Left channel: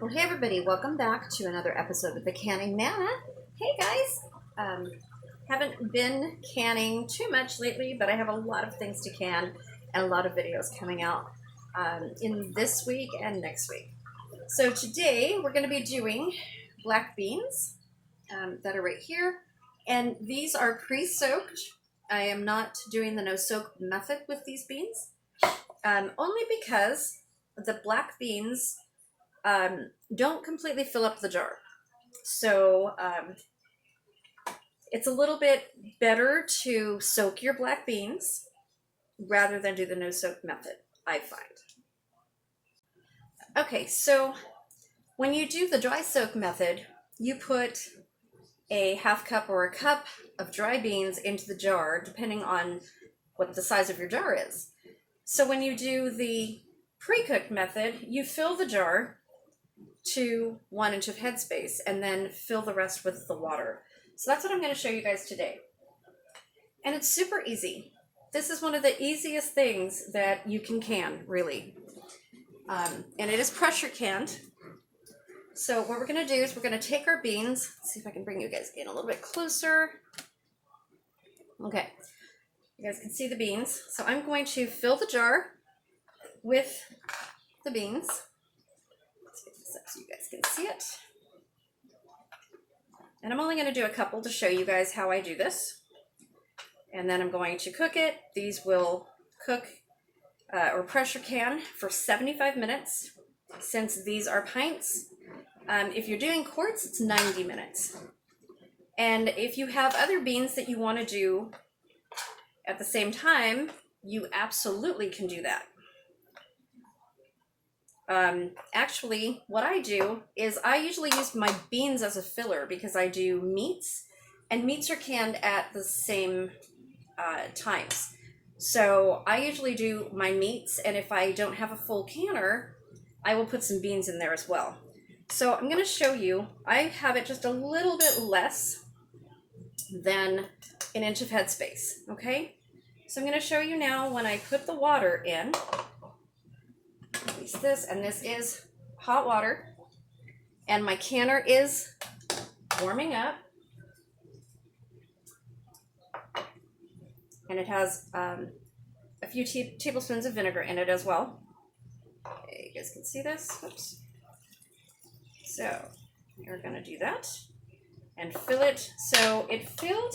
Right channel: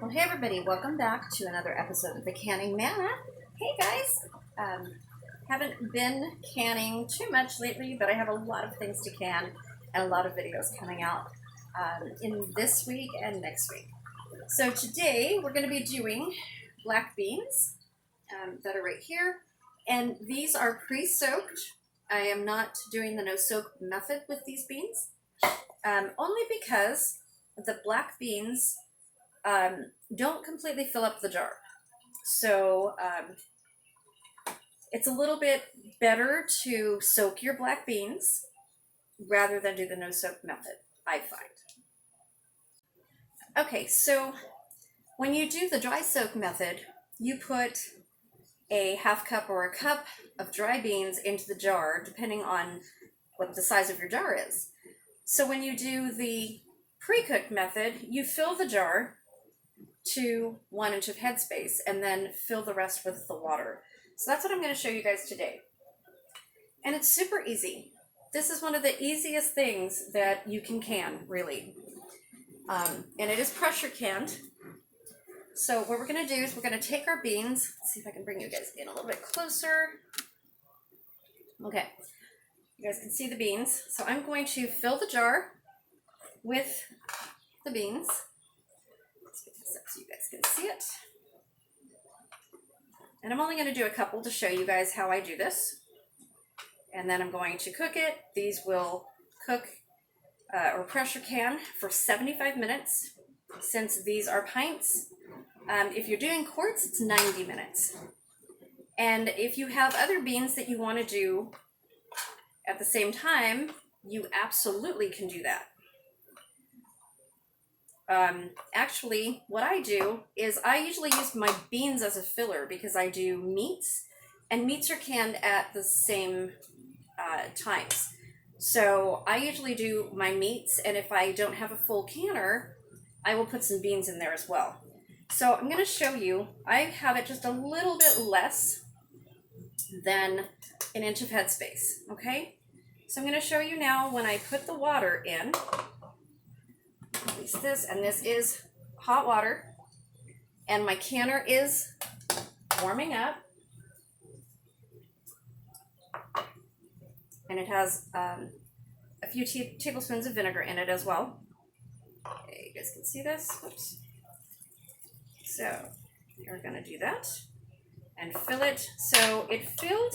Well, hey everybody, welcome back to another episode of the Canning Manna. Hey guys, haven't been canning too much lately, but I have a lot of things to can and a lot of videos coming out in this week and next week. So today we're going to be doing black beans that are right here, and these are pre-soaked. I am not doing the no-soak method with these beans, only because the black beans don't completely fill up the jar. So it's a little bit better to soak your black beans rather than do the no soak method, I find. Okay, so when you do the dry soak method, you put a half cup or a cup of dry beans into the jar, depending on what the size of your jar is. So when you do the pre-cooked method, you fill the jar to 1 inch of headspace and then fill the rest with the water. So that's what I'm going to show you guys today. And it's super easy. This is one of the easiest things that you can, really. And it is pressure canned. So what we're going to do is we're going to take our beans. Let's see if I can bring you guys in a little bit closer. Okay. You guys can see the beans. So I'm going to fill the jar with the beans. So you guys can see it. And I'm only going to do a couple to show you guys how I do this. And then I'm going to cook it. These will cook or pressure can for 75 minutes. Since these are pints, if you're doing quarts, it's 90 minutes. And if you have other beans that you want to do at the same time, you absolutely can do that. Actually, what I do is I usually use my beans as a filler because I do meats, and meats are canned at the same times. So I usually do my meats, and if I don't have a full canner, I will put some beans in there as well. So I'm going to show you, I have it just a little bit less than 1 inch of headspace, okay? So I'm going to show you now when I put the water in. Release this, and this is hot water, and my canner is warming up, and it has a few tablespoons of vinegar in it as well. Okay, you guys can see this. Oops. So you're going to do that and fill it. So it filled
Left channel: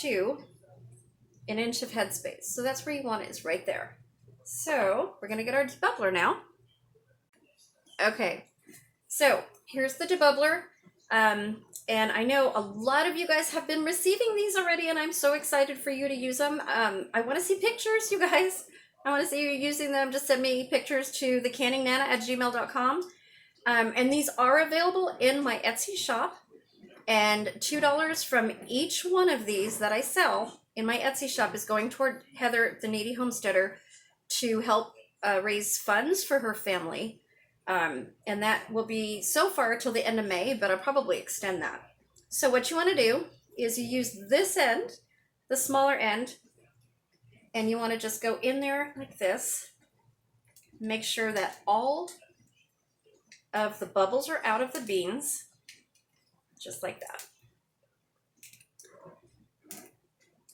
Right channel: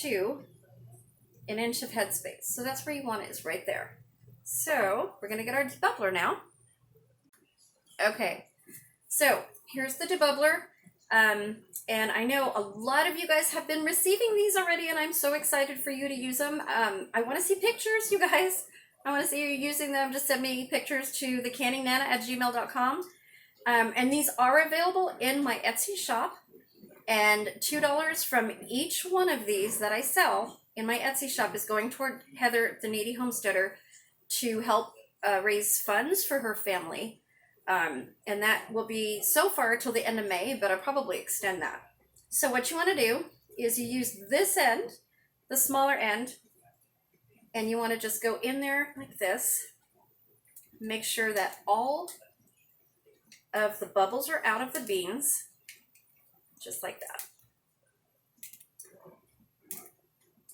to 1 inch of headspace. So that's where you want it, is right there. So we're going to get our debubbler now. Okay, so here's the debubbler. And I know a lot of you guys have been receiving these already, and I'm so excited for you to use them. I want to see pictures, you guys. I want to see you using them. Just send me pictures to thecanningmanna@gmail.com. And these are available in my Etsy shop. And $2 from each one of these that I sell in my Etsy shop is going toward Heather, the needy homesteader, to help raise funds for her family. And that will be so far till the end of May, but I'll probably extend that. So what you want to do is you use this end, the smaller end, and you want to just go in there like this. Make sure that all of the bubbles are out of the beans, just like that.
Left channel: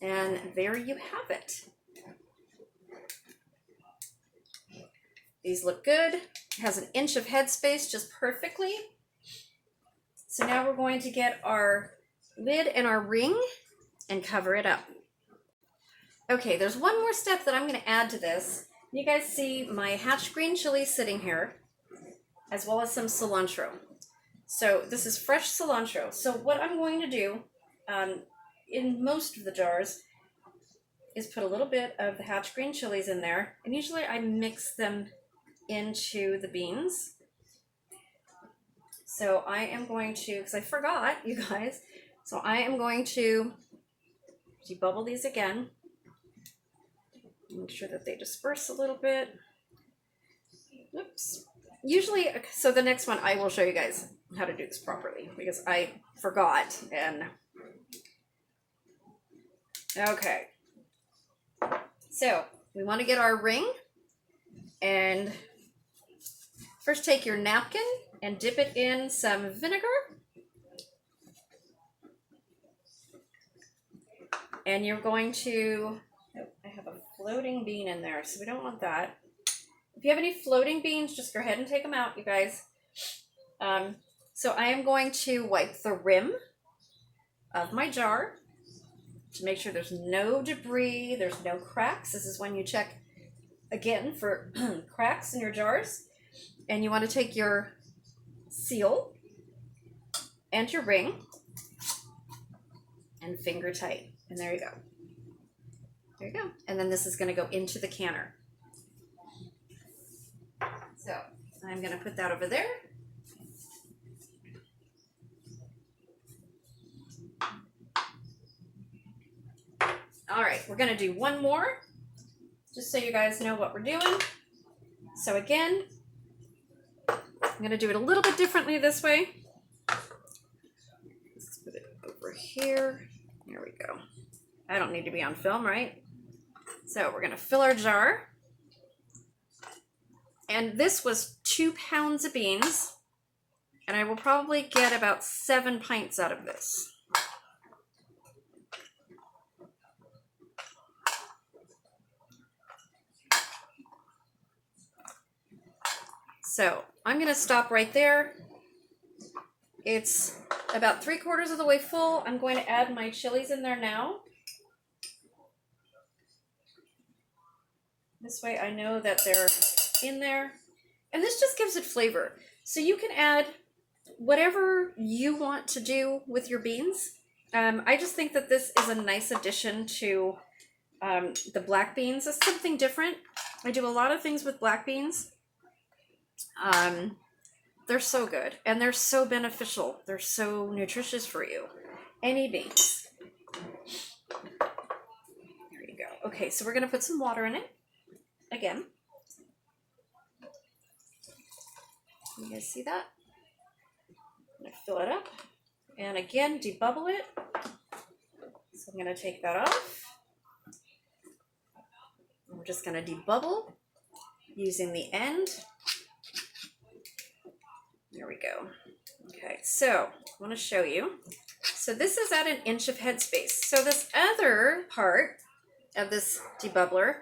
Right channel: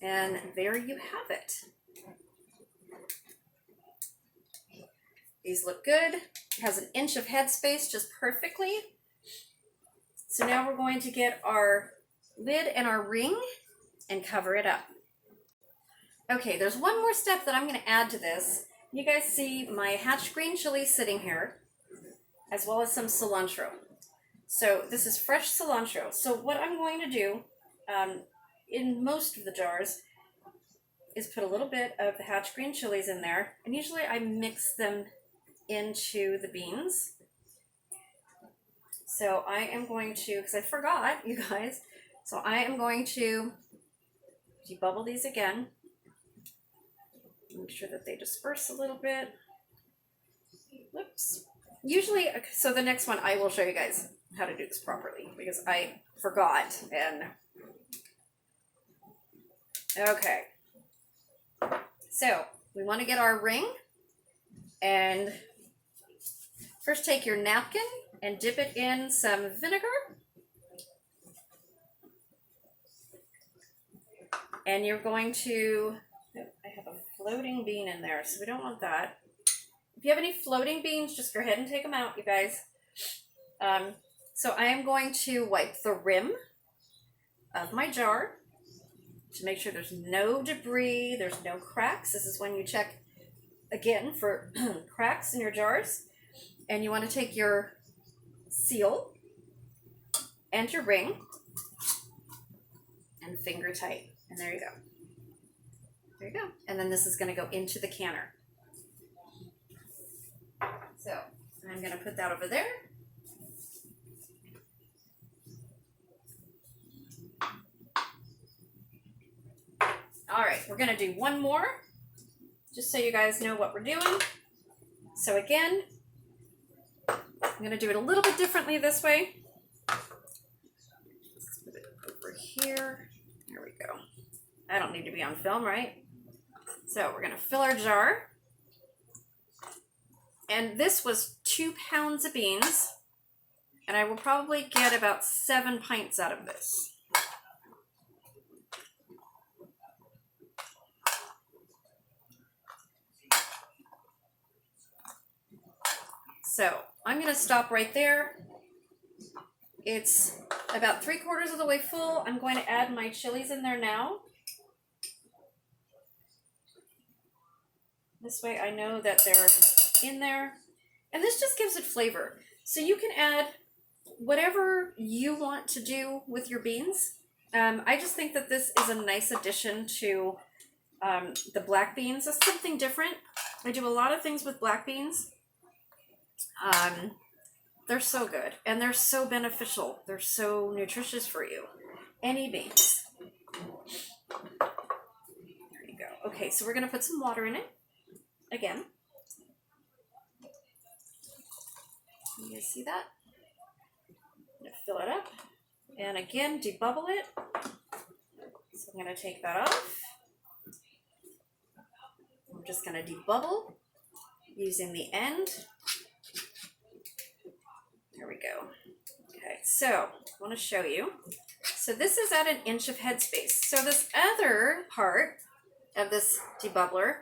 And there you have it. These look good. It has 1 inch of headspace just perfectly. So now we're going to get our lid and our ring and cover it up. Okay, there's one more step that I'm going to add to this. You guys see my hatch green chili sitting here, as well as some cilantro. So this is fresh cilantro. So what I'm going to do in most of the jars is put a little bit of the hatch green chilies in there, and usually I mix them into the beans. So I am going to, because I forgot, you guys, so I am going to debubble these again. Make sure that they disperse a little bit. Whoops. Usually, so the next one I will show you guys how to do this properly because I forgot. And okay, so we want to get our ring, and First, take your napkin and dip it in some vinegar. And you're going to, oh, I have a floating bean in there, so we don't want that. If you have any floating beans, just go ahead and take them out, you guys. So I am going to wipe the rim of my jar to make sure there's no debris, there's no cracks. This is when you check again for cracks in your jars. And you want to take your seal and your ring and finger tight. And there you go. There you go. And then this is going to go into the canner. So I'm going to put that over there. All right, we're going to do one more, just so you guys know what we're doing. So again, I'm going to do it a little bit differently this way. Let's put it over here. There we go. I don't need to be on film, right? So we're going to fill our jar. And this was 2 pounds of beans. And I will probably get about 7 pints out of this. So I'm going to stop right there. It's about 3/4 of the way full. I'm going to add my chilies in there now. This way I know that they're in there. And this just gives it flavor. So you can add whatever you want to do with your beans. I just think that this is a nice addition to the black beans. It's something different. I do a lot of things with black beans. They're so good and they're so beneficial. They're so nutritious for you. Any beans. There you go. Okay, so we're going to put some water in it again. You guys see that? I'm going to fill it up and again debubble it. So I'm going to take that off. I'm just going to debubble using the end. There we go. Okay, so I want to show you. So this is at 1 inch of headspace. So this other part of this debubbler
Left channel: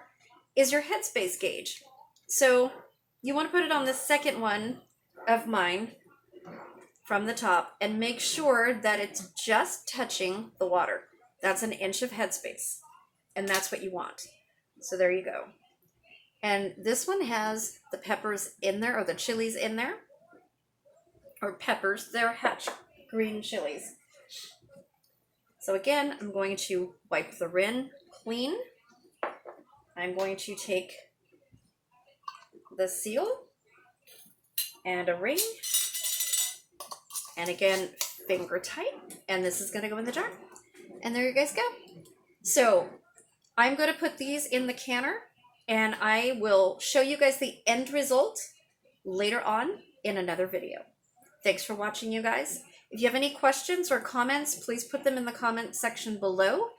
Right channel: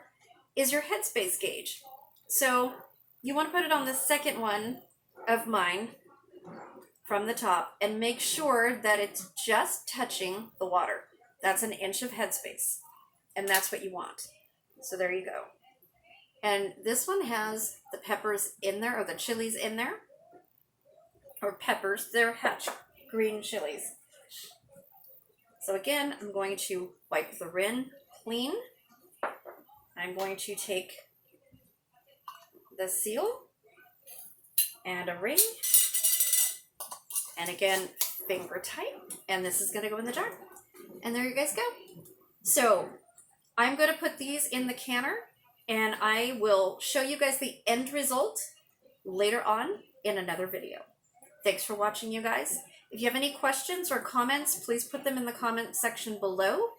is your headspace gauge. So you want to put it on the second one of mine from the top and make sure that it's just touching the water. That's 1 inch of headspace. And that's what you want. So there you go. And this one has the peppers in there, or the chilies in there. Or peppers, they're hatch green chilies. So again, I'm going to wipe the rim clean. I'm going to take the seal and a ring. And again, finger tight. And this is going to go in the jar. And there you guys go. So I'm going to put these in the canner. And I will show you guys the end result later on in another video. Thanks for watching, you guys. If you have any questions or comments, please put them in the comment section below.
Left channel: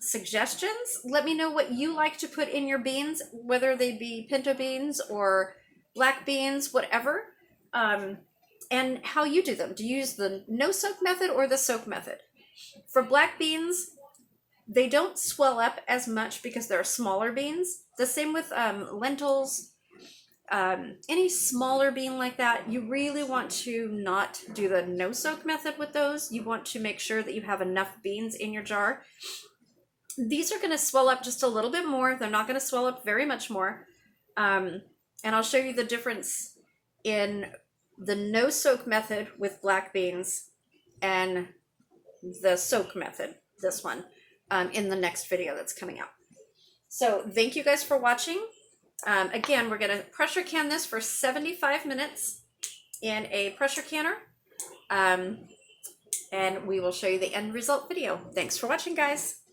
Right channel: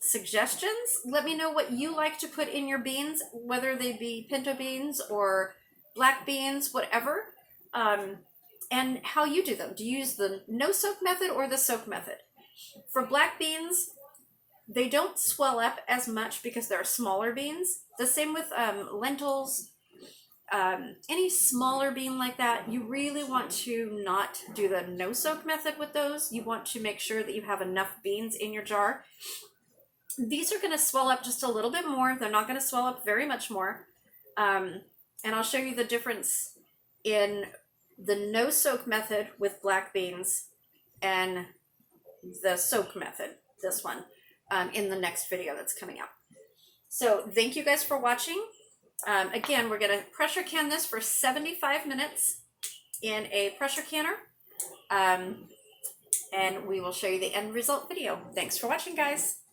Suggestions, let me know what you like to put in your beans, whether they be pinto beans or black beans, whatever, and how you do them. Do you use the no soak method or the soak method? For black beans, they don't swell up as much because they're smaller beans. The same with lentils. Any smaller bean like that, you really want to not do the no soak method with those. You want to make sure that you have enough beans in your jar. These are going to swell up just a little bit more. They're not going to swell up very much more. And I'll show you the difference in the no soak method with black beans and the soak method, this one, in the next video that's coming out. So thank you guys for watching. Again, we're going to pressure can this for 75 minutes in a pressure canner. And we will show you the end result video. Thanks for watching, guys.